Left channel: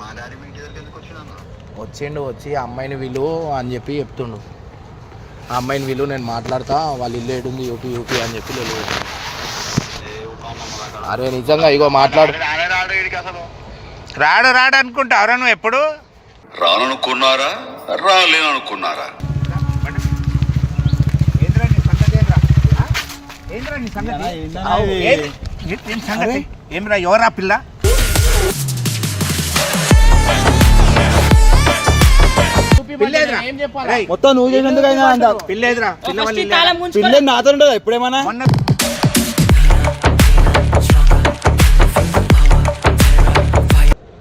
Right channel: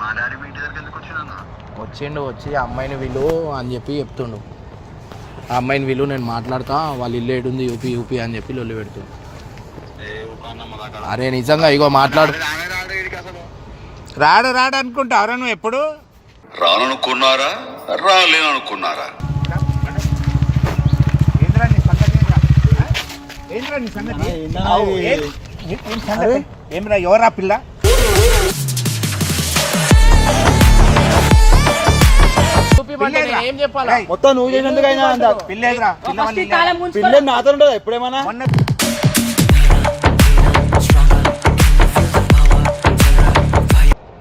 మా డాడీ మీ ఇంటి దగ్గరికి ఎందుకు వచ్చినా వచ్చిండు వచ్చి ఆ అమ్మాయిని విలు అని చెప్పి చెప్తుండు. ఆ అమ్మాయిని విలు నేను మాట్లాడతా వాళ్ళ ఇల్లు ఏడుంది యూపీ యూపీ అని చెప్పి లొల్లి పెట్టు అరే నిజంగా ఇగో మాట్లాడు. రాడు రాడు రాడు అనుకుంటా ఎవరా నువ్వు ఎప్పుడు? రాననుకున్నారా? రాలేననుకున్నారా? ఏంద్రా నీ సంగతి ఏం చెప్పాలి? మొత్తం నువ్వు చేసినందుకైనా పిల్లేదురా. పిల్ల నాతో ఉండదు? ఎప్పుడేమన్నా? మొన్న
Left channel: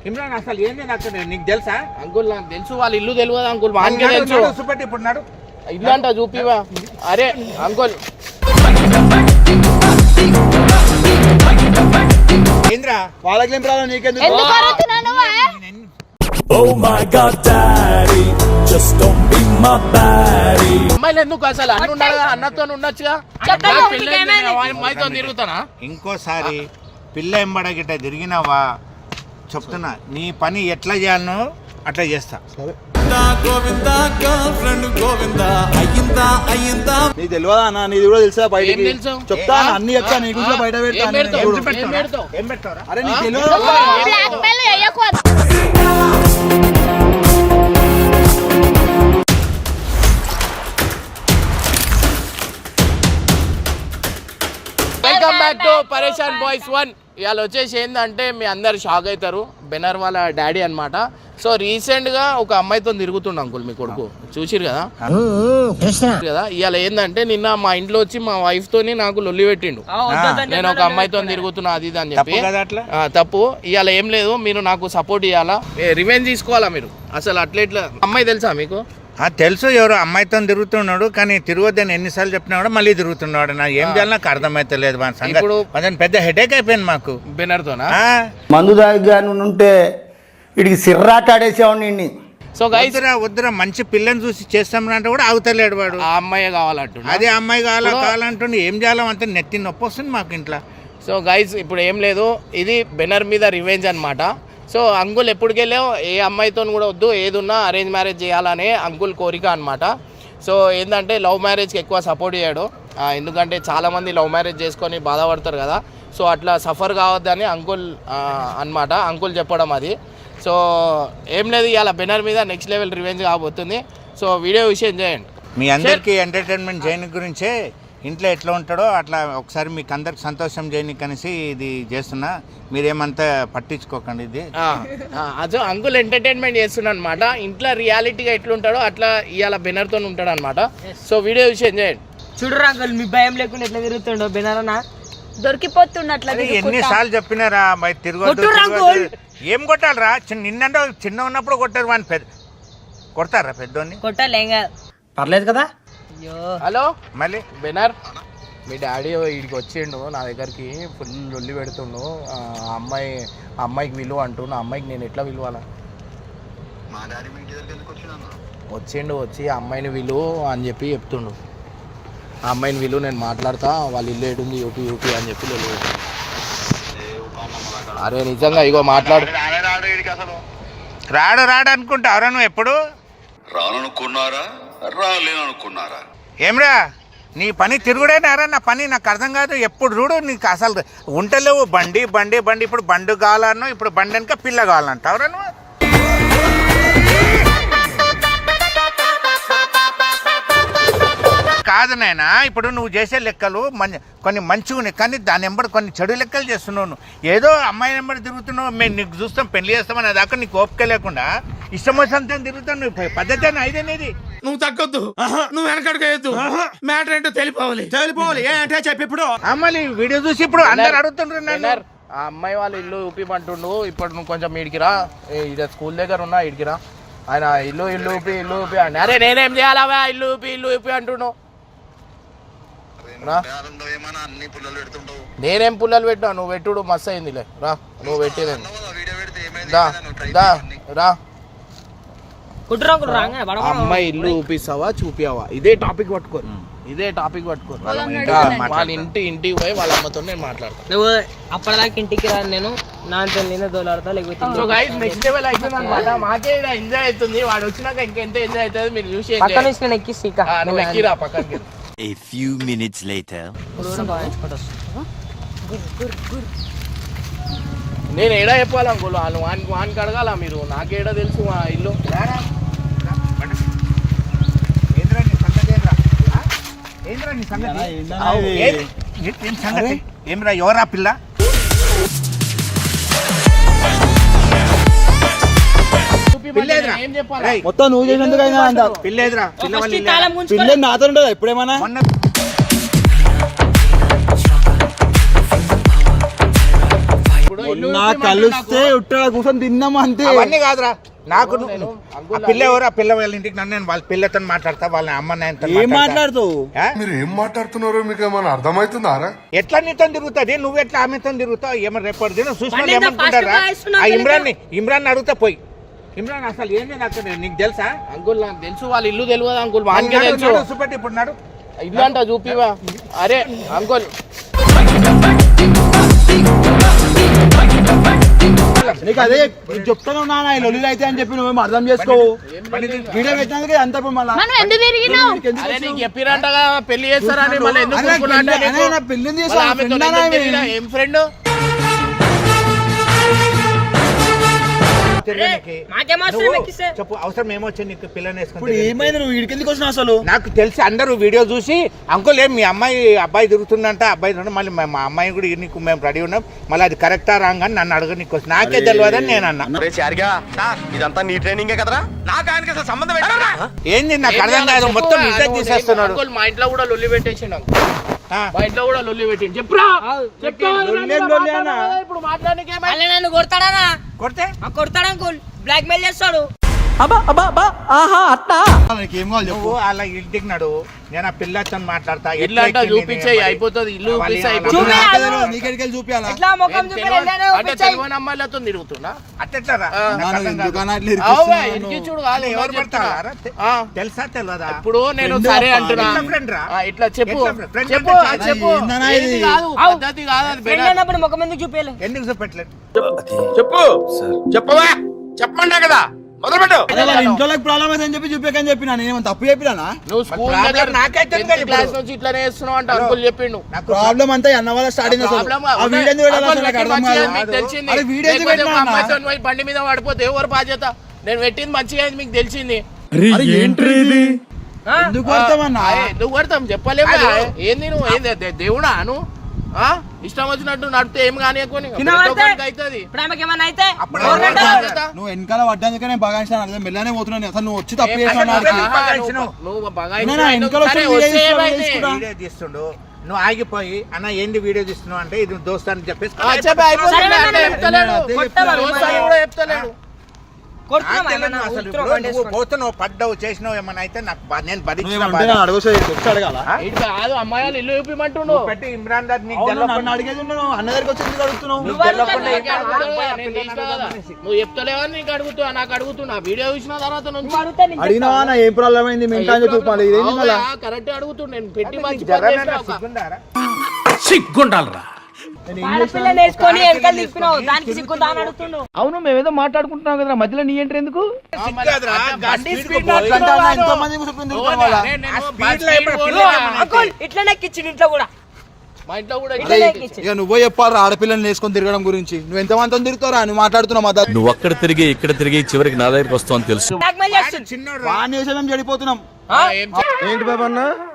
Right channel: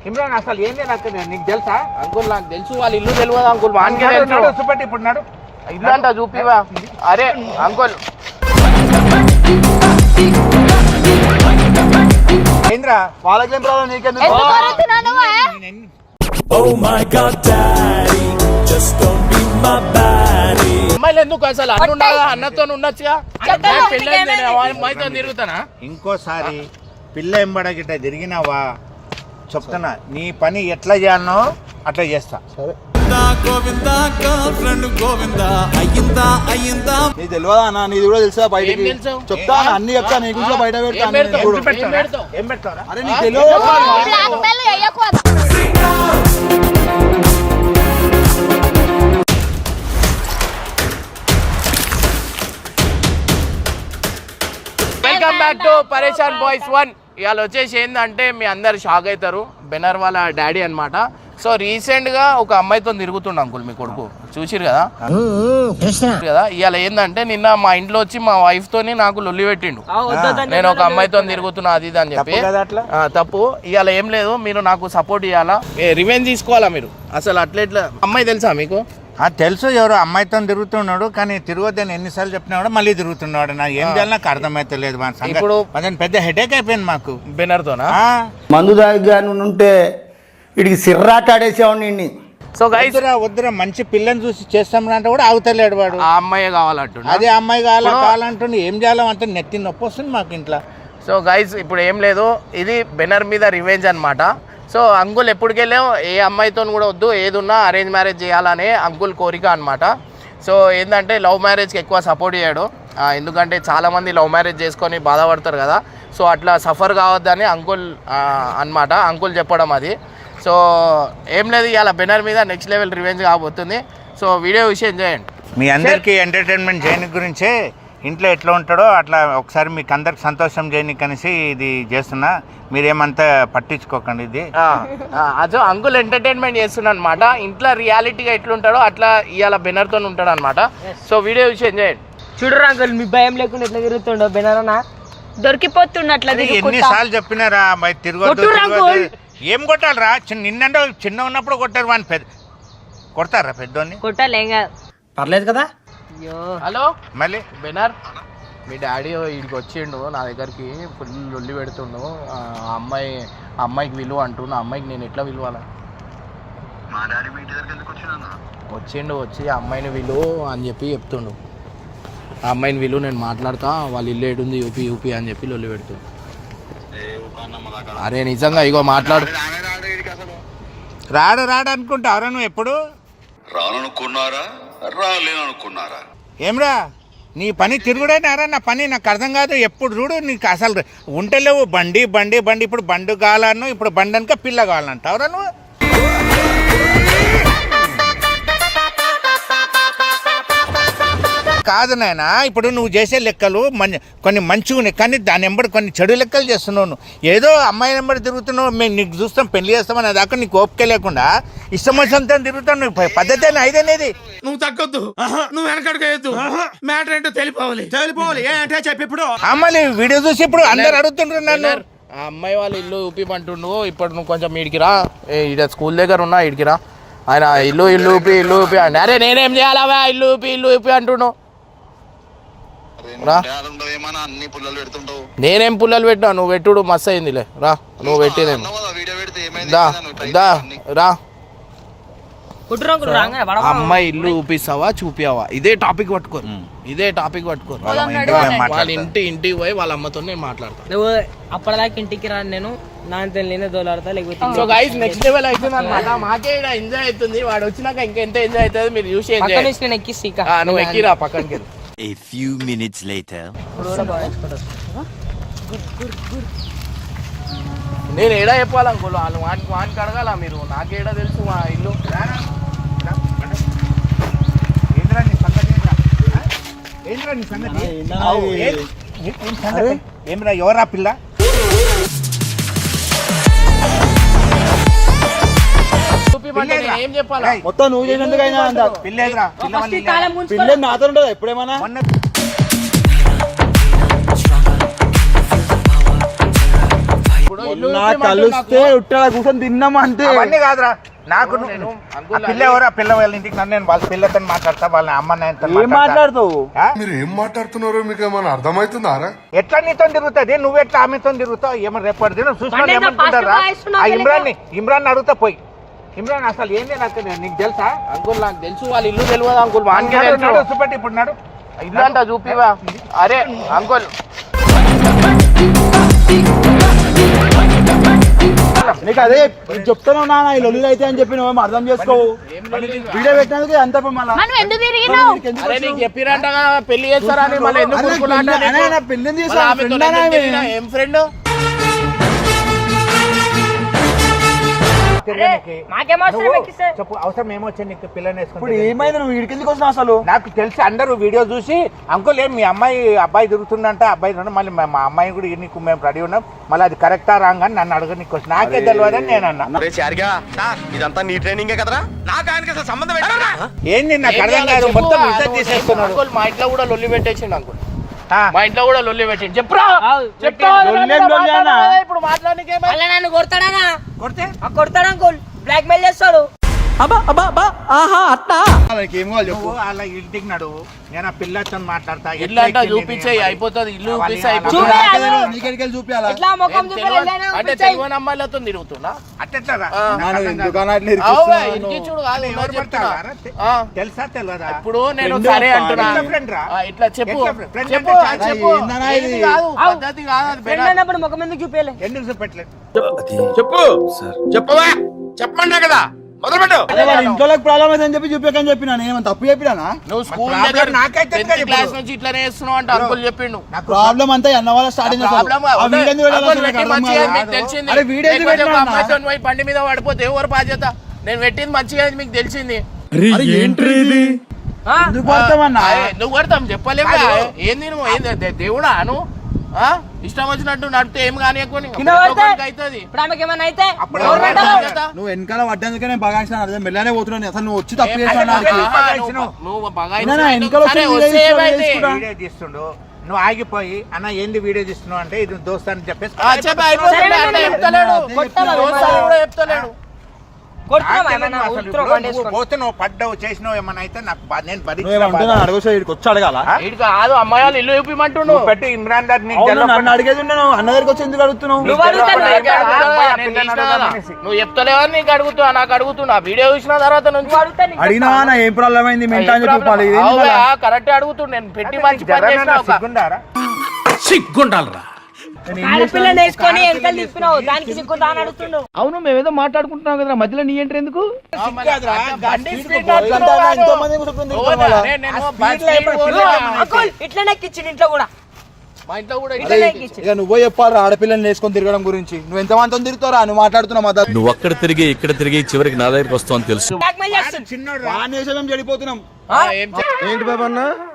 ఇమ్రాన్ అసలు ఏంది నాకు నీకు తెలుసా? అంకుల్ నాకు తెలుసు. వాళ్ళ ఇల్లు తెలియదు అంకుల్. తెలుసు. చూపెట్టి ఇప్పుడు నాడు. ఇల్లు అంట చూపివా అరే అంకుల్. ఏంద్రా? వాళ్ళకి ఏం ప్రాబ్లం? నీకెందుకు? అమ్మాయిలు ఎందుకు అసలు అన్న ఉండాలి అన్నతో ఉండొచ్చుగా? అమ్మాయితో తిరుగుతానా? ఇంకోసారి పిల్ల ఎంబడ గిట్ట తిరిగినావా చెప్తున్నా. నీ పని ఎట్లా చేయాలనో అట్లా చేస్తా. గోవిందా గర్ల్ ఫ్రెండ్ గోవిందా అయ్యిందా అయ్యిందా? నీకు తెలియదా అన్న? నీది కూడా తెలుసా బయటికి? చెప్తా అన్న, చెప్తా నీ గురించి బయట పెడతా అరే నీకు తెలియదు? Welcome back to Pareshan boys one ఇవాళ వచ్చేసి ఏంటంటే మీ అందరు షాక్ అవుతారు. బెనర్ వాళ్ళ డాడీ అన్నమాట. సో రీసెంట్గా ఒక అమ్మాయితో తిరుగుతుండ అంకుల్ మీ కొడుకు. చూసిరు కదా? కదా? ఇవాళ ఏంటంటే నిన్న మా ఇంట్లో వచ్చి మా వైఫ్ తోని నాకు లొల్లి పెట్టిండు. నేను ఒక అమ్మాయితో తిరుగుతున్నా అది ఇది అని చెప్పి. తప్పు కదా అట్లా? ఆ, తప్పు. ఇవాళ ఏం లేదు మీరు నాకు సపోర్ట్ ఇవ్వాలా రివెంజ్ తీసుకోవాలా మీరు? అసలు అట్లెట్లా? అమ్మాయి తెలుసా మీకు? తెలుసు ఎవరు అమ్మాయితో తిరుగుతున్నాడు కానీ తిరగొద్దని ఎన్నిసార్లు చెప్పినా కూడా మళ్ళీ తిరుగుతున్నాడు. నాకు ఏం చేయాలో నాకు అర్థమైతలేదు. మన సంగతి. ఇప్పుడు- పెద్ద హెడేక్ అయిపోయింది మాకు. బెనర్తోనా? ఆ? మందు దాగా ఉంటే వీడికి సిర్రాటాడేసేవాడిని నిన్ను. సో గైస్ వద్దురా వద్దురా మంచి పిల్లని చూసి చేస్తామని అంటే కూడా ఆగుతలేడు వాడు. ఆ అమ్మాయి కావాలంటున్నా అదే అమ్మాయి కావాలా కావాలంటుండే ఏం చేయాలో అంత నెత్తి నొప్పి వస్తుంది మాకు ఇంట్లో. సో గైస్ ఇప్పుడు ఏం లేదు. ఇది బెనర్ మీద రివెంజ్ అన్నమాట. సో అంకుల్ ఎప్పటికెళ్ళావు ఏ అమ్మాయితో కూడా వద్దు ఏదున్నా అరేంజ్ మ్యారేజ్ చేయాలనే అంకుల్ కోరిక అనమాట సో ఏంటంటే లవ్ మ్యారేజ్కి ఎక్కువ సపోర్ట్ చేయడు ఎందుకంటే చాలామంది లవ్ మ్యారేజ్ చేసుకొని బాధపడతారు కదా. సో అట్లా సఫర్ కావద్దని అంకుల్ అన్నమాట. అంకుల్ చెప్పడం అది. సో ఏం లేదు ఇవాళ బెనర్ మీద నెక్స్ట్ లెవెల్ రివెంజ్ కాబోతుంది. సో వీడియో విషయం చేయండి. మీ అందరికీ ఎంటర్టైన్మెంట్ చేయని గురించే ఇంట్లో ఎట్లా ఉంటాడో అట్లా ఒకసారి మీకు అందరికి సంతోషం చేయని కనేసి ఇది చేస్తున్నా. మీరేమంతా పట్టించుకోకండి ఇది. అదో అంకుల్ ఎంటర్టైన్మెంట్ చేస్తున్నా అనమాట ఇంట్లో రియాలిటీగా ఎట్లుంటాడో అట్లా ఇవాళ బెనర్తో ఉంటాడు అనమాట సో వీడియో విషయం చేయండి. చూడరు అంకుల్ మీ భయం లేకుండా ఎట్లా తిరుగుతుండో బెనరనా? దొరికిపోతున్నట్ల అరే ఎన్నిసార్లు చెప్పినారా మరి తిరగొద్దు. ఏం కొట్టాలరా? చిన్న నిన్నంటే చిన్న ఉన్నప్పుడు కొట్టారు వాని పెద్ద కొడతారా పెద్దోని కొట్టాలి ఏం కాదు. పర్లేదు కదా? హలో? మళ్ళీ? బెనర్? మీ డాడీ ఇడికి వచ్చిండు నా దగ్గరికి ఫుల్ లొల్లి పెడుతుండు. అమ్మాయి అమ్మాయికి విలువ అంటూ నా అమ్మాయికి నేను ఎట్లా విలువాలా? మా డాడీ మీ ఇంటి దగ్గరికి ఎందుకు వచ్చినా వచ్చిండు వచ్చి ఆ అమ్మాయిని విలువ అని చెప్పి చెప్తుండు. ఆ అమ్మాయిని విలువ నేను మాట్లాడతా వాళ్ళ ఇల్లు ఏడుంది యూపీ యూపీ అని చెప్పి లొల్లి పెట్టు అరే నిజంగా ఇగో మాట్లాడు. రాడు రాడు రాడు అనుకుంటా ఎవరా నువ్వు ఎప్పుడు? రాననుకున్నారా? రాలేననుకున్నారా ఏమ్రా నీ పని తిరుగుడేనారా నా పని నాకు అర్థం కాదు. ఎప్పుడు చూడు నీకు అసలు ఉంటలేవు బండి బండి బండి. ఇప్పుడు బండు కావాలన్నా ఇప్పుడు బండి వెనక పిల్ల కావాలంటావురా నువ్వు? కాదు నాయనా ఇప్పుడు నువ్వు చేసే లెక్కలు మన్ కొన్ని మంచిగా కానీ దాని వెంబడి కొన్ని చెడు లెక్కలు చేస్తున్నావు నువ్వు. ఏదో అమ్మాయి వెంబడి తిరుగుతున్నావు మేము నీకు చూస్తాం పెళ్ళి చేస్తామని దాకా నీకు ఓపిక లేకుండా ఇష్టం వచ్చినంత తిరుగుతావు నువ్వు పద్ధతి ఐదనేది నువ్వు తగ్గొద్దు. నువ్వు వెనకడుకోవద్దు మ్యాటర్ ఏంటో తెలిపోవాలి. తెలిపోవాలి. ఏ అంటే చెప్పి ఇప్పుడు. అమ్మాయి వీడియో చూసి ఇప్పుడు అందరు అడుగుతుండ్రు నన్ను. బెనర్, ఆ అమ్మాయి వాళ్ళ ఇల్లు ఊపిమంటుండు. ఇప్పుడు నువ్వు కొంచెం ఈడికి రా ఏ, ఈడ స్కూల్ దగ్గర ఉన్నా ఈడికి రా ఆయన ఇల్లు ఇల్లు ఊపి ఇల్లు ఊపి అంటే అరే నేనేం చేయాలా ఇల్లు ఊపి ఇల్లు ఊపి అంటుండు. రా. ఉండవు ఏమన్నా అన్ని పుల్లలు పెడుతుంటావు నేనేం పుల్లలు పెట్టినా? నువ్వు పెట్టుడు మస్తు అయిందిలే. రా నువ్వు పెట్టేదేం. రా. అమ్మాయి ఇల్లు చూపిస్తావా చూపియావా? ఇదే టాపిక్ పట్టుకో. ఇదే టాపిక్ పట్టుకో. వాళ్ళ ఇంటి ఇంటికి పోయి వాళ్ళ అమ్మతో నేను మాట్లాడతాను నువ్వు అప్పటిదాకా ఇంటికి రాను నేను నా అంత నేనే దోలాడతా లేకపోతే సో గైస్ నెక్స్ట్ లెవెల్ అవుతుంది అనమాట మాకే ఎంజాయ్ అవుతుంది. వాడు వచ్చినాక ఇంకా ఎంత ఎంజాయ్ అవుతుంది మీరు చూసి పక్క enjoy నుంచి నేను ఎక్కిస్తా నువ్వు ఎక్కిరా పక్కనకి. A few minutes later. నేను ఏడా చెప్పాలి అంకుల్? వాళ్ళు వానికి వానికి అడగాల మీరు? నాకేడా తెలుసు మా ఇల్లు. ఏం- ఏమిరా ఎవరా పిల్ల? ఏం చెప్పాలా? ఏయ్, మొత్తం నువ్వు చేసినందుకైనా అంత పిల్లేదురా పిల్ల ఫస్ట్ వాళ్ళు ఈ తాళం గుంజుకో. పిల్ల నాతో ఉండదా ఎప్పుడేమన్నా? కలిస్తే ఉట్టాడ కూర్చొని తిన్నాం అంతే అవన్నీ కాదురా. నాకు నేను పిల్ల ఎవరు? ఆ పిల్ల వాళ్ళ ఇంటికి నన్ను నేను వాళ్ళ పిల్లతో మాట్లాడతా వాళ్ళ అమ్మ నాయనతో ఏం మాట్లాడతావు? మీరు ఏం మాట్లాడుతున్నారో మీకు ఏమైనా అర్థమవుతుందారా ఎట్లా నీతో తిరుగుతుంది? నువ్వు ఎట్లా ఆమెతో తిరుగుతావు? ఏమో రేపు దినం చూసిన ఇమ్రాన్ ఇమ్రాన్ అడుగుతా పోయి. ఇమ్రాన్ అసలు ఏంది నాకు నీకు తెలుసా? అంకుల్ నాకు తెలుసు. వాళ్ళ ఇల్లు తెలియదు అంకుల్? చూపెట్టి ఇప్పుడు నాడు ఇల్లు అంట చూపివా అరే అంకుల్. నీకు అదే చెప్తాను నాన్న ఈ లొల్లిలు అయితే అని చెప్పి నువ్వు అర్థం చేసుకోవు. వీడియో పెట్టినందుకు అంత చెప్పినట్టుగా పెళ్ళి చేస్తారని ఊరుకున్నా పెళ్ళి- నీకు? అన్న, ఎక్కిస్తే? చెప్పు అవసరం ఏమొచ్చింది నీకు పిల్లని ఇప్పుడు ఏమైంది? నువ్వు వీడికి ఎందుకు వచ్చినావు అసలు? నాకు తెలిసి అందరూ వీడియో చూసి అంకుల్ ఏం మీ అమ్మాయి అబ్బాయి తిరుగుతుందంట అబ్బాయి తిరుగుతుంది మళ్ళీ మా- మా అమ్మాయి కూడా నీకు మేము రెడీ ఉన్నాం మళ్ళీ అది కరెక్టా రాంగ్ అని నన్ను అడగ నీకు వచ్చి నాకే తెలియదని నేను అన్నా. ఇదంతా నీ ట్రైనింగే కదరా? నాకు ఆయనకి అసలు సంబంధం ఏంటరా ఏంది నాకు అర్థం కాదు మొత్తం ఇజ్జత్ తీసేస్తున్నాడు. అంకుల్ మా ఇంట్లో కూడా లొల్లి పెట్టేసిండు అంకుల్. మా ఇంట్లో కూడా లొల్లి పెట్టిండు. చెప్పురా? ఇప్పుడు మాట్లాడడానికి కొడతాడనా? కొడితే? ఆ కొడతాడు అంకుల్ బ్లాక్ మెయిల్ చేస్తాడు. నీకు ఏం కావాలి చెప్పు నువ్వు అలా ఇంటికి నడు నేను ఆ పిల్లతో మాట్లాడతా ఇల్లు అంట చూపించేయి అయిపోతుంది ఇల్లు చూపిస్తే అయిపోతుంది చూపి. నీకెడికి వెళ్ళి చూపియాలా ఎట్లా ముఖం ఏం చూపి తెలియని- వెళ్ళానే అంటే చూపించేయ్. తెలియని అమ్మాయిలతో తిరుగుతున్నా అట్లా ఆ. నాన్న దుకాణం ఇట్లా అవువే, ఇరికిస్తున్నావు. ఇరికించుడు కాదు ఎవరు ఎవరు చెప్తున్నా? పడతారా? ఆ. తెలుసా తెలియదా ఇప్పుడు నేను Friend సరే అంటున్నా ఎట్లా friend రా? ఆ, ఇట్లా చెప్పు ఎట్లా friend? Friend చెప్పు అంటే అది చాలా చెప్పు ఏందన్నా ఏది ఇది? కాదు పద్ధతి కాదు అది ఫ్రెండ్ బెటర్. అన్నప్పుడు ముఖం ఎందుకు చూపించలే ఎందుకు చూపెట్టలేదు చెప్పు చెప్పవా కదా మొదలుపెట్టు. ఇంట్లో ప్రాబ్లం అయితే అని చెప్పి చూపించకని చెప్పిన. నేను తప్పు చెప్పినానా? నువ్వు స్కూల్ problem దగ్గర నాకైతే tenth కదా ఇప్పుడు. క్లాస్ నుంచి ఇట్లానే చేస్తున్నావు అంటే అంకుల్ చెప్పిండు. నాకు ప్రాబ్లం అంతా అన్న వాళ్ళ స్టార్టింగ్ ఆ వీడియో తెలిసింది. వీడియో అమ్మాయితో పోయి బండి మీద పడిపోతే ఎవరు బాధ్యత? నేను పెట్టింది మంచిగా మీకు తెలిసింది. నువ్వు కొడతాం చెప్పలేము ఏంది నువ్వు? దేవుడా నువ్వు? ఇష్టం వచ్చినట్టు నడితే ఏం కానీ? అవుతుంది? నువ్వు వెనకాల పడ్డానికే నేను బాగా అర్థం మెల్లనే పోతున్నాను. అసలు నువ్వు వచ్చి తప్పు నువ్వు ఆగిపోయి అన్న ఏంది వీడియో తీస్తున్నావు అంటే ఇది దోస్తు అని చెప్పేసి చెప్తలేడు. కూడా చెప్తలేడు. పోతున్నావు పడ్డావు చేసినావు ఏమన్నా అయితే నాకు నేను వచ్చి అడగాల? ఇటు కాదు అమ్మాయి ఇల్లు చూపిమంటుండు. పెట్టి ఇమ్రాన్ దార్ నీకు అడిగేది అన్న దగ్గరికి వచ్చి ఎందుకు అడుగుతున్నావు? నీకు నువ్వు చెప్తలేవని నీకు అడుగుతున్నా నాకు అడుగుతున్నా. వీడియో చూసిన తర్వాత నుంచి అడిగినా నా ఏం ప్రాబ్లం అయింది? మింటా అని చెప్పి? కరెక్ట్ అడుగుతుండు. నేను పెట్టి మంచి? సిగ్గుండాలరా. అవును మేమేదో మాట్లాడుకుంటున్నాం కదా మధ్యలో నీ ఎంట్రీ ఎందుకు? ఆ, మరి సిగ్గురాదురా, అట్లా గా బండి స్పీడ్ స్పీడ్కు పోయి నడుపుతున్నావు అంటే వాడు. ఎంతో మందికి చెప్పింది ఓ, ఇంట్లో అరే, నేను ఆ బండి స్పీడ్లో స్పీడ్ ఇప్పుడు పోయి- పిల్లలు అంకుల్ ఇట్లా నెక్కిచ్చిండు ఇంట్లో కూడా. మా ఇంట్లో కూడా ఇట్లా ఇట్లా నెక్కిచ్చి ఇక నువ్వే చెప్పాలి ఆడపిల్లని వేసుకొని తిరగడం గురించి. నువ్వు ఎంత మంది తిరుగుతారా నువ్వు మాట్లాడుతున్నావు నువ్వు అక్కడ తిరిగి ఇక్కడ తిరిగి చివరికి నా దగ్గరికి వస్తావు తెలుసు. చేసే మేము చెడిపోతున్నాం. ఆ, ఏం చే-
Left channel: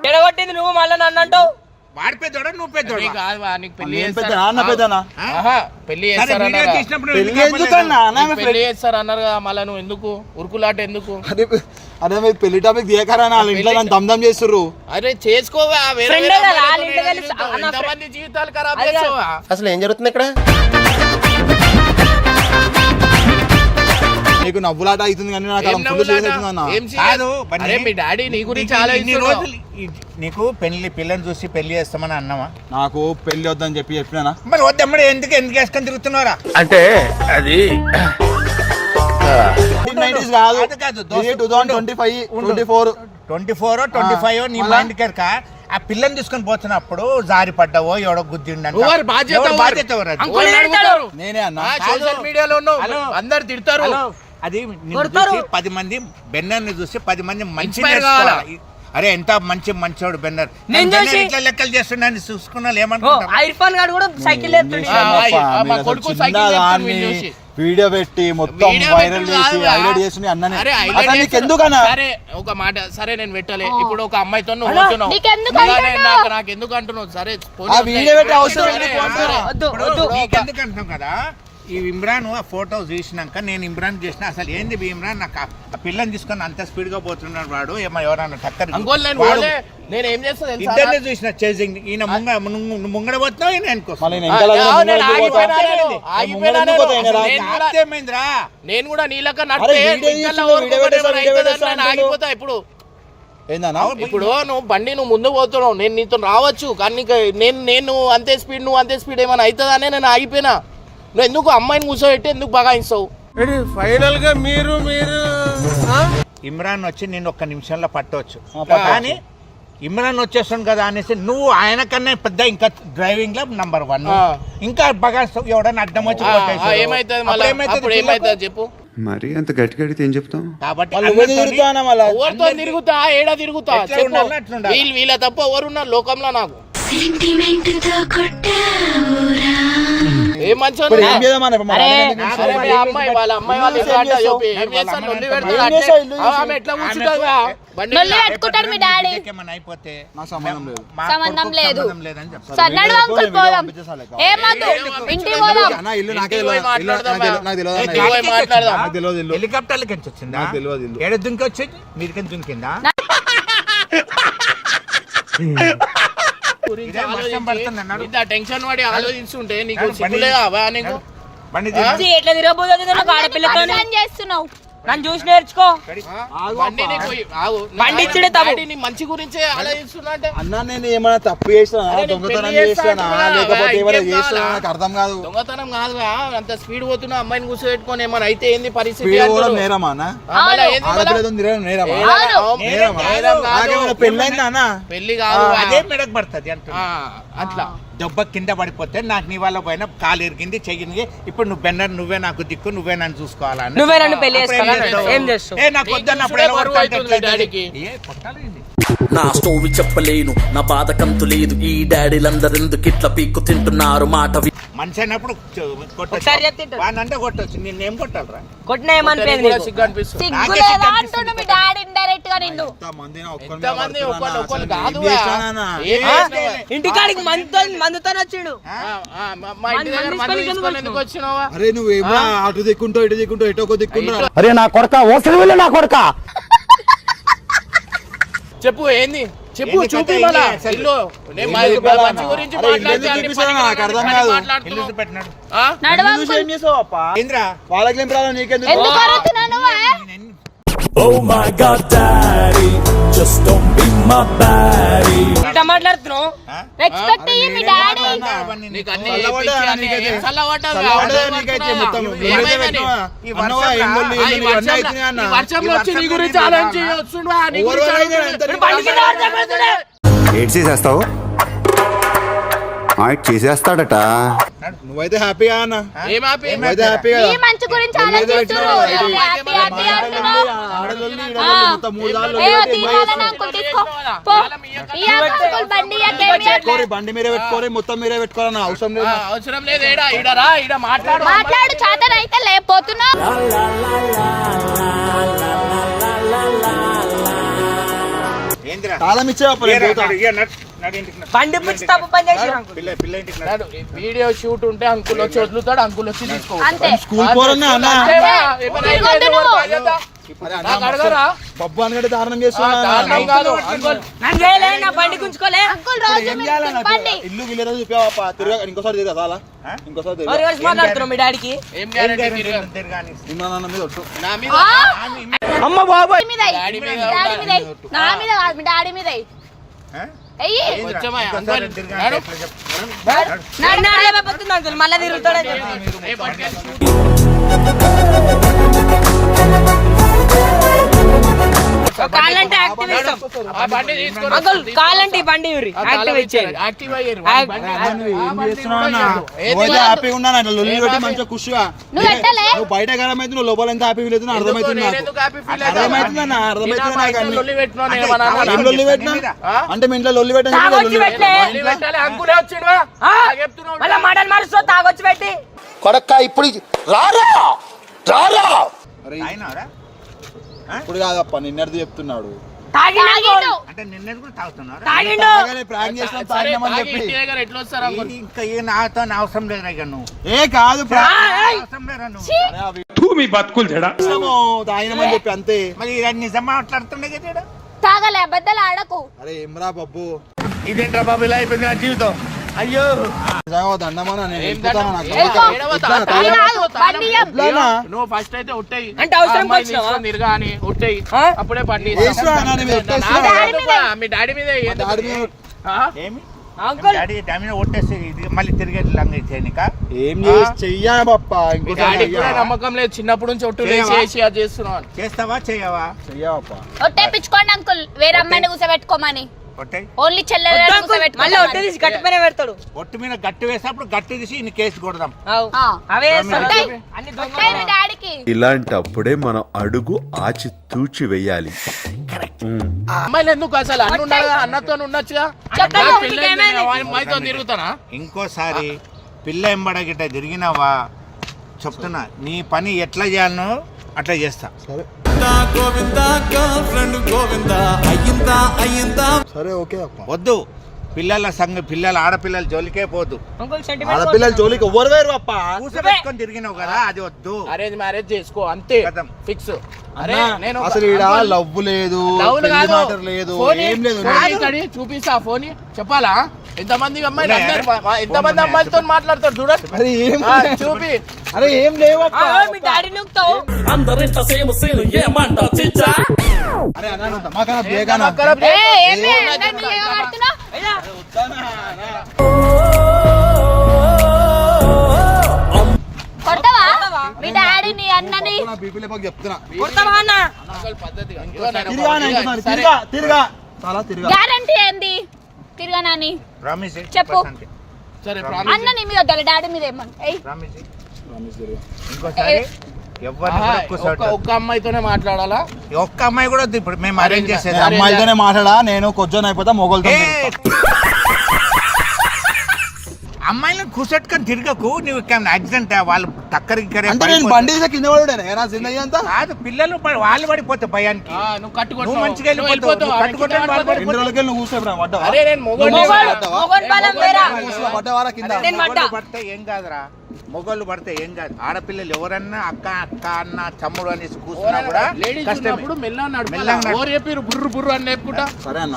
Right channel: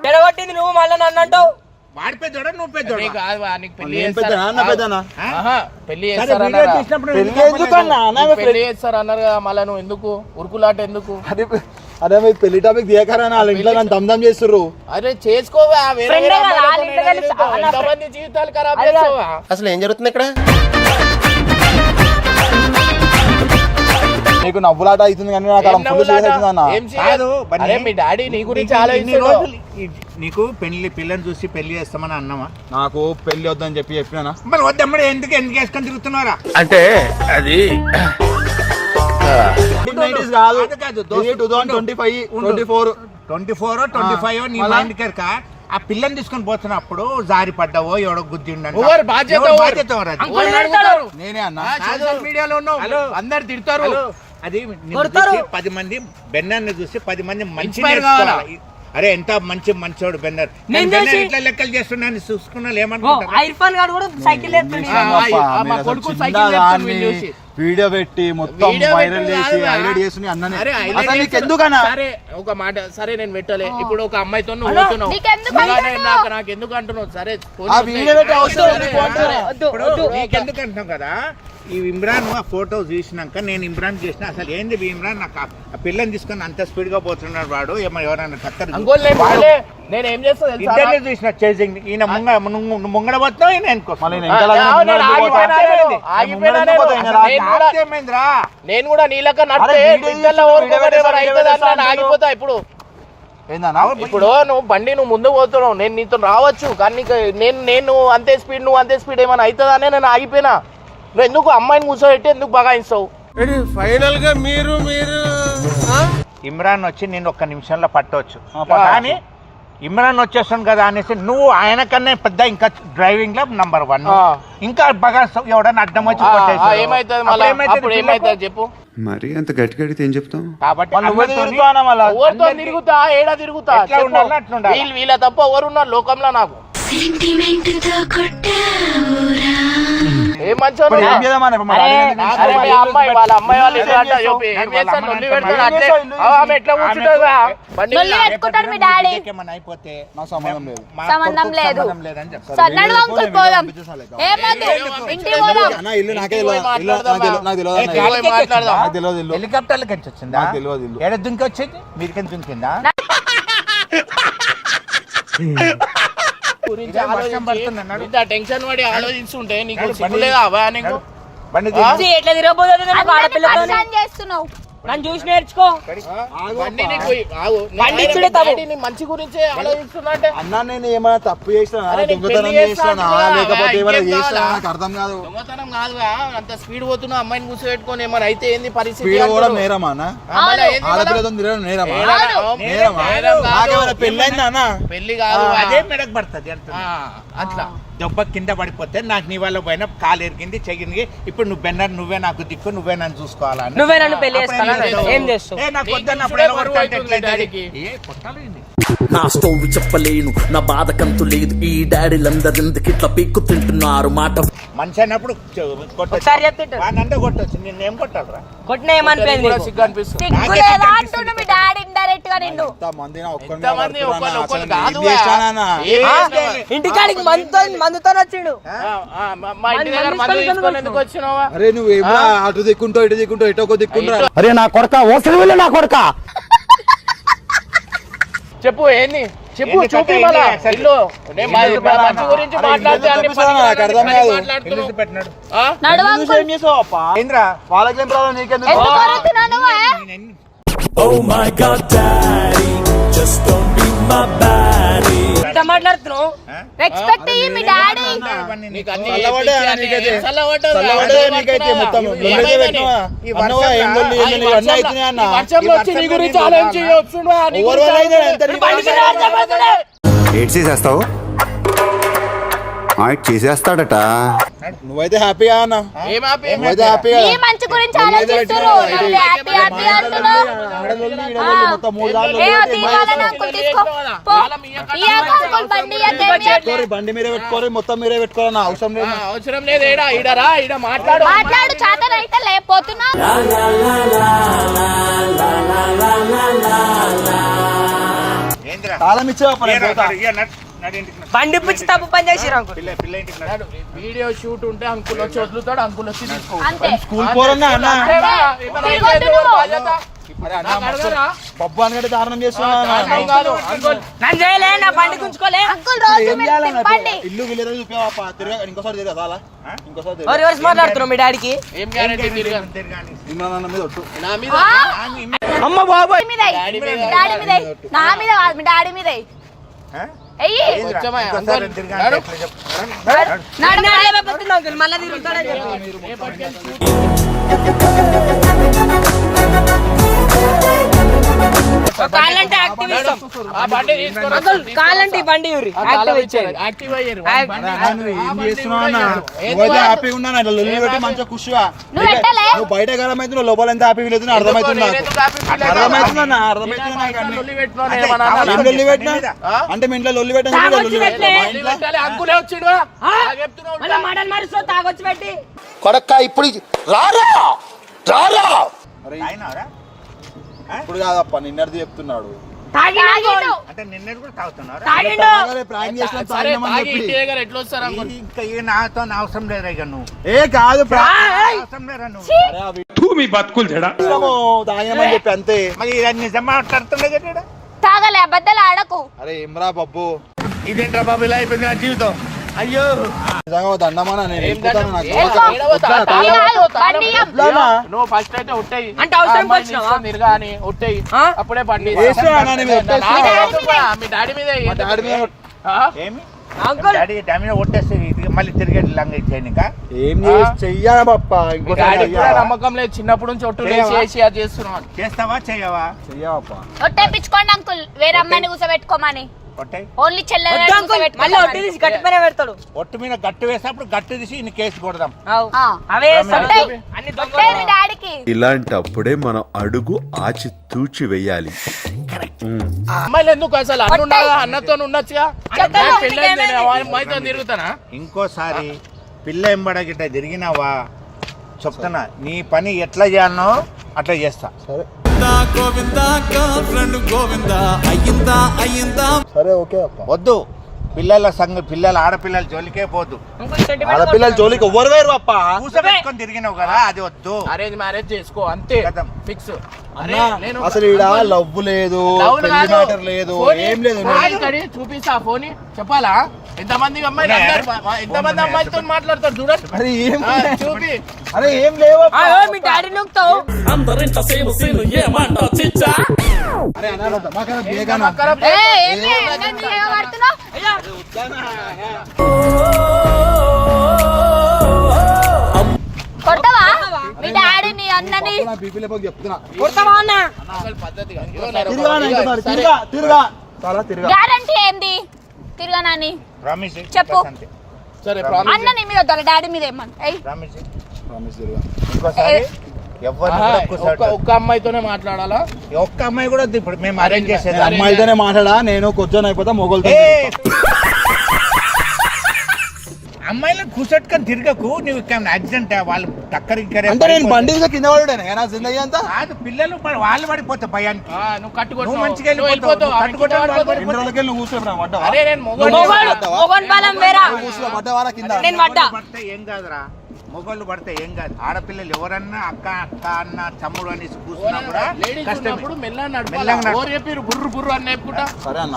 ఎడగొట్టింది నువ్వు మళ్ళీ నన్ను అంటావు? వాడి పెద్దోడా నువ్వు పెద్దోడా నీకు కాదు వా, నీకు పెళ్ళి నేను పెద్ద చేస్తారు. నాన్న పెద్దనా? ఆహా, పెళ్ళి సరే చేస్తారు వీడియో అన్నారా? తీసినప్పుడు పెళ్ళి ఎందుకు ఎందుకన్నా అన్న, నీకు ఆమె పెళ్ళి చేస్తారు అన్నారు కదా మళ్ళా నువ్వు ఎందుకు? ఉరుకులాట ఎందుకు? అదే మీరు పెళ్ళి టాపిక్ వాళ్ళ ఇంట్లో నన్ను దమ్దం చేస్తుర్రు. అరే చేసుకోవా వేరే Friend వేరే కదా, అమ్మాయిలతో వాళ్ళ ఇంట్లో కలిసి తిరుగుతావు. అన్న ఎంతమంది జీవితాలు ఖరాబ్ అది కాదు. చేస్తావా అసలు ఏం జరుగుతుంది ఇక్కడ? నీకు నవ్వులాట అవుతుంది కానీ నాకు అలా ఫుల్ సీరియస్? అవుతుంది అన్న? కాదు, బన్నీ. అరే మీ డాడీ నీ గురించి నీకు ఇన్ని ఆలోచిస్తాడు రోజులు ఈ- నీకు పెళ్ళి పిల్లని చూసి పెళ్ళి చేస్తామని అన్నావా నాకు పెళ్ళి వద్దని చెప్పి చెప్పినా మరి వద్దమ్మడి ఎందుకు ఎందుకు వేసుకొని తిరుగుతున్నారా అంటే అది నైట్ సిరీస్ కాదు అది కాదు, ఇది దోస్తు. Two thousand twenty five twenty four twenty four twenty five నీ మళ్ళా? మైండ్ కనుక ఆ పిల్లని తీసుకొని పోతున్నప్పుడు జారి పడ్డావో ఎవడో ఎవరు బాధ్యత ఎవరు ఎవరు? బాధ్యత ఎవరు అది? అంకుల్ అడుగుతారు. నేనే అన్న సోషల్ మీడియాలో ఉన్నావు. అందరు తిడతారు హలో అది పది మంది బెన్నర్ని చూసి పది మంది మంచి? అరే ఎంత మంచి మంచోడు బెన్నర్. నేను బెన్నర్ చూసి- ఇట్లా లెక్కలు చేస్తున్నాను చూసుకున్నా గారు కూడా సైకిల్ కొడుకు సైకిల్ వీడియో పెట్టి మొత్తం వైరల్ చేసి. హైలైట్ చేసి అన్నని. అసలు నీకు. ఎందుకన్నా సరే ఒక మాట సరే నేను పెట్టలే. ఇప్పుడు ఒక అమ్మాయితో నువ్వు నాకు- నాకు ఎందుకు అంటున్నావు? సరే ఆ వీడియో పెట్టి అవసరం కదా? ఈ ఇమ్రాన్ ఆ ఫోటో చూసినాక నేను ఇమ్రాన్ చేసిన అసలు ఏంది ఇమ్రాన్? నాకు ఆ పిల్లని తీసుకొని అంత స్పీడ్గా పోతున్నాడు వాడు. ఏమో ఎవరన్నా టక్కర్ నేను పోలే. నేను ఏం చేస్తా తెలుసా? ఇద్దరిని చూసిన చేసింగ్ ఈయన ముంగ ముంగ- ముంగడ పోతున్నావు ఈయన నేను కూడా- చేస్తా ఆగిపోతా ఇప్పుడు. ఇప్పుడు నువ్వు బండి నువ్వు ముందు పోతున్నావు నేను నీతో రావచ్చు కానీ నేను నేను అంతే స్పీడ్ నువ్వు అంతే స్పీడ్ ఏమైనా అవుతుందనే నేను ఆగిపోయినా. నువ్వు ఎందుకు అమ్మాయిని కూర్చోబెట్టి ఎందుకు బగాయిస్తావు? ఫైనల్గా మీరు మీరు? ఇమ్రాన్ వచ్చి నేను ఒక్క నిమిషంలో పట్టవచ్చు. కానీ ఇమ్రాన్ వచ్చేస్తాను కదా అనేసి నువ్వు ఆయన కన్నా పెద్ద ఇంకా డ్రైవింగ్లో నంబర్ వన్. ఇంకా బాగా ఎవడన్నా అడ్డం వచ్చి. ఏమైతుంది చెప్పు. మరి అంత గట్టి గడితే ఏం చెప్తాం? కాబట్టి తిరుగుతా ఏడా తిరుగుతా. వీళ్ళు వీళ్ళ తప్ప ఎవరు ఉన్నారు లోకంలో నాకు? ఏ మంచోడు ఇప్పుడు ఏం చేద్దామన్నా ఇప్పుడు మరి అరే, అడగండి. అరే, మీ అమ్మాయి వాళ్ళ అమ్మాయి వాళ్ళు ఎట్లా ఏం అంటారు చేస్తావు? చెప్పు. ఏం చేస్తాను? లొల్లి పెడతాడు ఏం అంటే, చేస్తావు? ఇల్లు ఆ, ఆమె ఎట్లా కూర్చుంటుంది బా? బండి లొల్లి మీద. పెట్టుకుంటాడు మీ డాడీ ఏమైనా అయిపోతే నాకు సంబంధం లేదు మా సంబంధం కొడుకుకి లేదు. సంబంధం లేదని చెప్తాను సరే, నడు వీడియో అంకుల్ వీడియో పోదాం పంపించేసాను లెక్క. ఏమద్దు ఇంటికి పోదాం అన్న ఇల్లు నాకే ఇంటికి పోయి తెలియదు ఇల్లు నాకు తెలియదు నాకు తెలియదు ఇంటికి అన్న. పోయి మాట్లాడదాం. నాకు తెలియదు ఇల్లు హెలికాప్టర్ల నుంచి వచ్చిందా నాకు తెలియదు ఇల్లు. ఏడ దుంకి వచ్చింది మీదికి దుంకిందా గురించి ఆలోచించి. ఇంత టెన్షన్ పడి ఆలోచిస్తుంటే నీకు నడు, సిగ్గులే బండి కావా నీకు. ఎట్లా ఆడపిల్లతో చేస్తున్నావు. నన్ను చూసి నేర్చుకో. ఇచ్చుడే తప్పు. మంచి గురించే ఆలోచిస్తున్నా అంటే. అన్న నేను ఏమైనా తప్పు దొంగతనం కదా, లేకపోతే ఏమైనా కావాలా? నాకు అర్థం కాదు. దొంగతనం కాదుగా అంత స్పీడ్ పోతున్నా అమ్మాయిని కూర్చోబెట్టుకొని ఏమైనా అయితే ఏంది పరిస్థితి స్పీడ్ కూడా. నేరమా? ఆడపిల్లతో తిరగడం నేరమా? నేరమా పెళ్ళైందా అన్న? పెళ్ళి కాదు అదే మెడకు పడుతుంది అట్లా. దెబ్బ కింద పడిపోతే నాకు నీ వల్ల పోయిన కాలు ఎరిగింది చెయ్యింది ఇప్పుడు నువ్వు బెన్నర్ నువ్వే నాకు దిక్కు నువ్వే నన్ను చూసుకోవాలని నువ్వే నన్ను పెళ్ళి ఏం నాకు ఎలా. ఏ నా స్టోరీ చెప్పలేను నా బాధ కంతు లేదు. ఈ డాడీలందరెందుకు ఇట్లా పిక్కు తింటున్నారు? మాట వి- మనిషి అన్నప్పుడు కొట్టచ్చు. ఒకసారి చెప్తే వానంటే కొట్టచ్చు. నిన్నేం కొట్టాలరా? కొట్టిన ఏమనిపోయింది నీకు? సిగ్గు అనిపిస్తుంది. అంటుండు మీ డాడీ ఇండైరెక్ట్గా నిన్ను. ఎంత మంది నా ఒక్కరి మీద ఎంతమంది పడుతున్నా ఒకళ్ళు అన్న. ఒకళ్ళు అసలు కాదు ఏం చేస్తానా అన్న? ఏం ఆ? చేస్తావా? ఇంటికాడికి మందుతో వచ్చిండు. అరే నువ్వేమో అటు దిక్కుంటావు ఇటు దిక్కుంటావు ఇటు దిక్కుంటా. అరే నా కొడక ఓసలి వెళ్ళి నా కొడక. చెప్పు ఏంది? చెప్పు చూపి వాళ్ళకి ఏం ప్రాబ్లం? నీకెందుకు? నువ్వే ఉల్టా మాట్లాడుతున్నావు? రెస్పెక్ట్ ఇయ్యి మీ డాడీ. ఏడ్ చేసేస్తావు చేసేస్తాడట. నువ్వైతే హ్యాపీగా అన్న? నువ్వైతే మంచి గురించి హ్యాపీ హ్యాపీ అంటున్నావు మొత్తం మూడు దారులు ఏ తీయాలని అంకుల్ తీసుకో పో ఇయ్యాక అంకుల్ బండి. పెట్టుకోరి బండి మీరే పెట్టుకోరి మొత్తం మీరే పెట్టుకోరి అన్న అవసరం లేదు అవసరం లేదు ఈడ ఈడరా ఈడ మాట్లాడు మాట్లాడు చాతనైతే లేకపోతున్నా ఏందిరా తాళం బండి పిచ్చి తప్పు పని చేసిరు వీడియో షూట్ ఉంటే అంకుల్ వచ్చి వదులుతాడు అంకుల్ వచ్చి తీసుకో అంతే. స్కూల్ పోరన్నా? బబ్బు దారుణం ఇల్లు వీళ్ళ చూపావా తిరగ ఇంకోసారి తిరగ చాలా ఇంకోసారి? అమ్మ బాబాయ్ మీద. నా డాడీ మీద మళ్ళీ తిరుగుతాడు. ఆ బండి తీసుకొని అంకుల్ కాలంటే ఈ బండి ఇవ్వరి యాక్టివ్ యాక్టివ్ అయ్యారు ఏం చేస్తున్నావు హ్యాపీగా ఉన్నాను అట్లా లొల్లి పెట్టి మంచిగా ఖుషిగా నువ్వు బయట గరం అయితే నువ్వు లోపల ఎంత హ్యాపీ ఫీల్ అవుతుంది అర్థమవుతుంది నాకు. అర్థమవుతుంది అన్న? అర్థమవుతుంది నాకు అన్ని. లొల్లి పెట్టినా అంటే మీ ఇంట్లో లొల్లి పెట్టని? కొడక్క ఇప్పుడు రారా? రారా? ఇప్పుడు కాదప్ప నిన్నటిది చెప్తున్నాడు. అంటే నిన్నటి కూడా తాగుతున్నారా? ఎట్లా వస్తారు ఇంకా ఏ నాతో అవసరం లేదా ఇక నువ్వు. ఏ కాదు అవసరం లేదా నువ్వు. తూ మీ బతుకులు చెడా? చేసినాము, తాగినామని చెప్పి అంతే. మరి? తాగలే అబద్ధాలు ఆడకు. అరే ఏమ్రా పప్పు ఇదేంట్రా బాబు ఇలా అయిపోయింది నా జీవితం? అయ్యో. దండమానా నేను? నువ్వు ఫస్ట్ అయితే ఉట్టాయి అంటే అవసరం ఉట్టాయి? అప్పుడే మీ డాడీ మీద అంకుల్ డాడీ మళ్ళీ తిరిగి లంగ చేయనిక ఏం చేసి చెయ్యా డాడీ కూడా నమ్మకం లేదు. చిన్నప్పటి నుంచి ఒట్టు చేయవా? వేసి అది చేస్తున్నావు. చేస్తావా? ఒట్టేపించుకోండి అంకుల్ వేరే అమ్మాయిని కూర్చోబెట్టుకోమని ఓన్లీ మళ్ళీ ఒట్టి తీసి గట్టి పైన పెడతాడు. ఒట్టు మీద గట్టి వేసినప్పుడు గట్టి తీసి ఇన్ని కేసు కొడదాం. అవు. మీ డాడీకి. ఇలాంటప్పుడే మనం అడుగు ఆచి తూచి వెయ్యాలి అమ్మాయిలు ఎందుకు అసలు అన్న ఉండాలి అన్నతో ఉండొచ్చుగా? అమ్మాయితో తిరుగుతానా? ఇంకోసారి పిల్ల ఎంబడ గిట్ట తిరిగినావా? చెప్తున్నా. నీ పని ఎట్లా చేయాలనో అట్లా చేస్తా. సరే ఓకే అప్ప. వద్దు. పిల్లల సంగ పిల్లల ఆడపిల్లల జోలికే పోదు. ఆడపిల్లల జోలికి ఎవ్వరు వేరు పప్ప కూసబెట్టుకొని తిరిగినావు కదా అది వద్దు. అరేంజ్ మ్యారేజ్ చేసుకో అంతే. ఫిక్స్ అసలు ఈడ లవ్ లేదు లవ్. మ్యాటర్ లేదు ఏం లేదు చూపిస్తా ఫోన్ చెప్పాలా ఎంతమంది మా- ఎంతమంది ఉన్నాయా? అమ్మాయిలతో మాట్లాడతారు చూడండి ఏం చూపి అరే ఏం లేవప్ప ఆ, మీ డాడీ నొక్కుతావు అందరింట సేమ్ సీను ఏమంట చిచ్చా అరే అన్న దమాకన బేగానా ఏ, ఏంటి? అందరి మీద ఏమడుతున్నావ్? కొడతావా మీ డాడీని అన్నని బీపీ లేపక చెప్తున్నా కొడతావా అన్న అసలు పద్ధతిగా ఇంకో నేను తిరిగా అన్న, ఇదిగో, ఇంకోసారి సరే. తిరిగా తిరిగా చాలా తిరిగా గ్యారంటీ ఏంది? చెప్పు. మీద వద్దాలి డాడీ మీద ఒక్క అమ్మాయితోనే మాట్లాడాలా? ఒక్క అమ్మాయి కూడా వద్దు ఇప్పుడు మేము అరేంజ్ చేసేది అమ్మాయితోనే మాట్లాడా నేను కొంచెం అయిపోతా మొగోళ్ళతో! అమ్మాయిలను కూర్చోట్టుకొని తిరగకు నువ్వు యాక్సిడెంట్ వాళ్ళు టక్కరి ఇక్కరే అంటే నేను బండి మీద కింద పడుడే నా జిందగీ అంతా? కాదు పిల్లలు పడి- వాళ్ళు పడిపోతాయి భయానికి. ఆ, నువ్వు కట్టుకో నువ్వు మంచిగా వెళ్ళిపోతావు. నువ్వు కట్టుకుంటావు, వాళ్ళు రెండు రోజులకి నువ్వు కూర్చోబెట్టా పడ్డావా? అరే నేను మొగోడిని. మొగోడు మొగోడు బలం వేరా కూర్చో పడ్డావా? కింద. నేను పడ్డా. మొగోళ్ళు పడితే ఏం కాదురా. మొగోళ్ళు పడితే ఏం కాదు. ఆడపిల్లలు ఎవరన్నా అక్క అక్క అన్న తమ్ముడు అనేసి కూర్చున్నా కూడా కష్టమే. బుర్రు బుర్రు అని చెప్పుకుంటా? సరే అన్న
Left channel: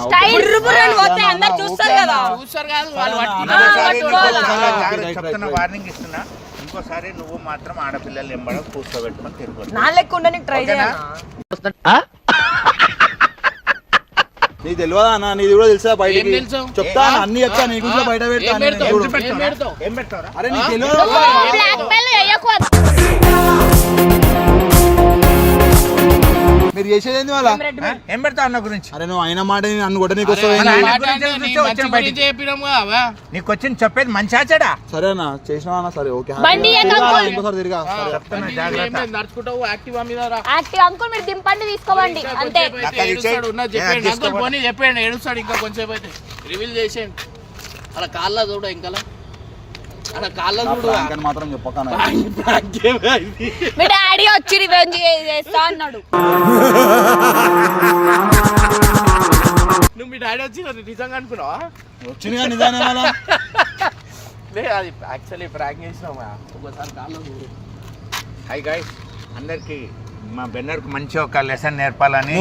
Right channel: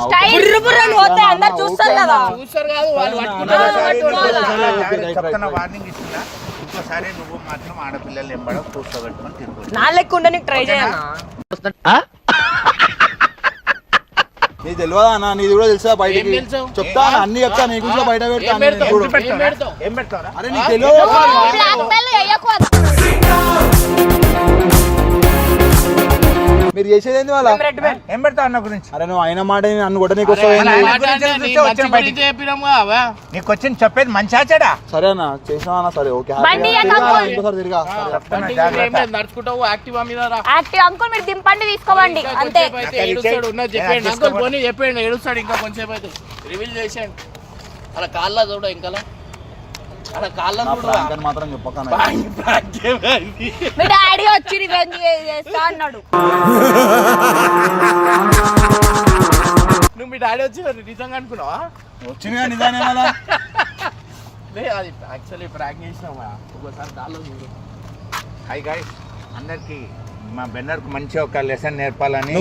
చూస్తారు కదా. చూస్తారు కాదు వాళ్ళు చెప్తున్నా వార్నింగ్ ఇస్తున్నా. ఇంకోసారి నువ్వు మాత్రం ఆడపిల్లలు ఎంబడ కూర్చోబెట్టుకొని తిరుగుతుంది నా లెక్క ఉండడానికి ట్రై? చేయాలి నీకు తెలియదా అన్న నీది కూడా తెలుసా బయటికి? చెప్తా అన్న, అన్ని చెప్తా నీ గురించి బయట పెడతా అరే నీకు తెలియదు మీరు చేసేది ఏంది వాళ్ళ ఏం పెడతావు అన్న గురించి? అరే నువ్వు అయిన మాట నన్ను కూడా నీకు? ఆయన వచ్చాను నీకు వచ్చింది చెప్పేది మంచి ఆచాడా సరే అన్న చేసినా సరే ఓకే నడుచుకుంటావు యాక్టివా మీద రా. యాక్టివ్ అంకుల్ మీరు దింపండి తీసుకోవండి అంతే. చెప్పండి అంకుల్. పోనీ చెప్పండి ఏడుస్తాడు ఇంకా అయితే. రివీల్ చేసేయండి. అలా కాళ్ళ చూడ ఇంకా అలా కాళ్ళ నా చూడు ప్రాంక్ అని మాత్రం చెప్పకన్నా మీ డాడీ వచ్చి రివెంజ్ చేస్తా అన్నాడు. నువ్వు మీ డాడీ వచ్చి నిజంగా అనుకున్నావా? వచ్చిందిగా నిజానే మళ్ళా లే అది యాక్చువల్లీ ప్రాంక్ ఒకసారి కాళ్ళ చూడు హాయ్ గాయ్స్ అందరికి మా బెన్నర్కు మంచి ఒక లెసన్ నేర్పాలని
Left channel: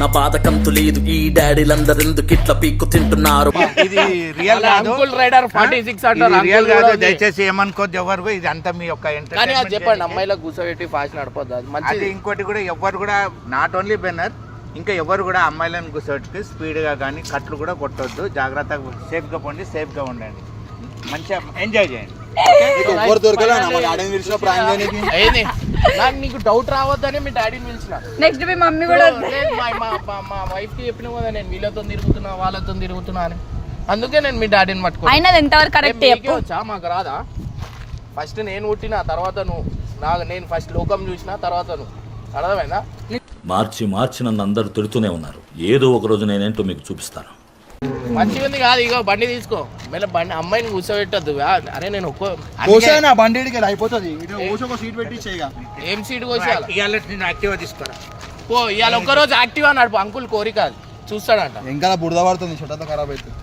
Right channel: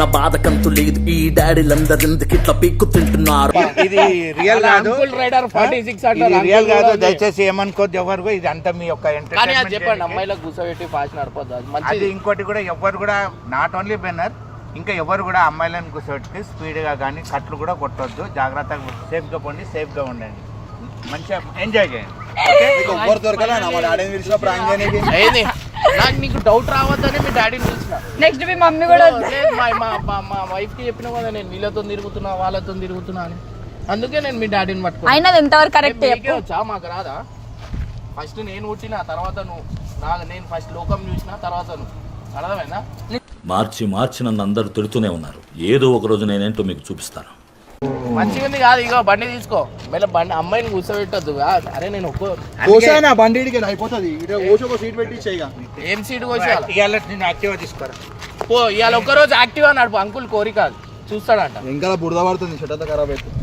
నా బాధకంతు లేదు ఈ డాడీలందరెందుకు ఇట్లా పిక్కు తింటున్నారు. ఇది రియల్ కాదు. అంకుల్ రైడర్ ఫార్టీ సిక్స్ ఇది అంటారు రియల్ కాదు. దయచేసి ఏమనుకోద్దు ఎవరు ఇది అంతా మీ యొక్క కానీ అది entertainment చెప్పండి చేయడానికి. అమ్మాయిలకు కూర్చోబెట్టి ఫాస్ట్ నడపద్దు అది అది మంచిది ఇంకోటి కూడా ఎవరు కూడా నాట్ ఓన్లీ బెన్నర్ ఇంకా ఎవరు కూడా అమ్మాయిలను కూర్చోబెట్టి స్పీడ్గా కానీ కట్లు కూడా కొట్టొద్దు. జాగ్రత్తగా సేఫ్గా పోండి సేఫ్గా ఉండండి. మంచిగా ఎంజాయ్ చేయండి. నీకు ఎవ్వరు దొరకలే? చేయనీకి ఏంది? నాకు నీకు డౌట్ రావద్దని మీ డాడీని పిలిచిన. నెక్స్ట్ మీ మమ్మీ కూడా లేదు, మా వైఫ్కి చెప్పిన కదా నేను వీళ్ళతో తిరుగుతున్నా వాళ్ళతో తిరుగుతున్నా అని. అందుకే నేను మీ డాడీని పట్టుకున్నా. అయినా ఎంతవరకు కరెక్ట్ వచ్చా? మాకు రాదా? ఫస్ట్ నేను పుట్టిన తర్వాత నువ్వు. నాకు నేను ఫస్ట్ లోకం చూసిన తర్వాత నువ్వు. అర్థమైందా? మార్చి మార్చి నన్ను అందరూ తిడుతూనే ఉన్నారు. ఏదో ఒక రోజు నేనేంటో మీకు చూపిస్తాను. మంచిగా ఉంది కాదు ఇగో బండి తీసుకో. మళ్ళీ బండి అమ్మాయిని కూర్చోబెట్టద్దు. అరే నేను ఒక్కో కోసానా బండి అయిపోతుంది. సీట్ పెట్టి ఏం సీట్ నేను యాక్టివ్గా తీసుకురా. పో ఇవాళ ఒక్కరోజు యాక్టివ్ అన్నాడు అంకుల్ కోరిక. చూస్తాడంట. ఇంకా బురద పడుతుంది చెట్టు ఖరాబ్ అవుతుంది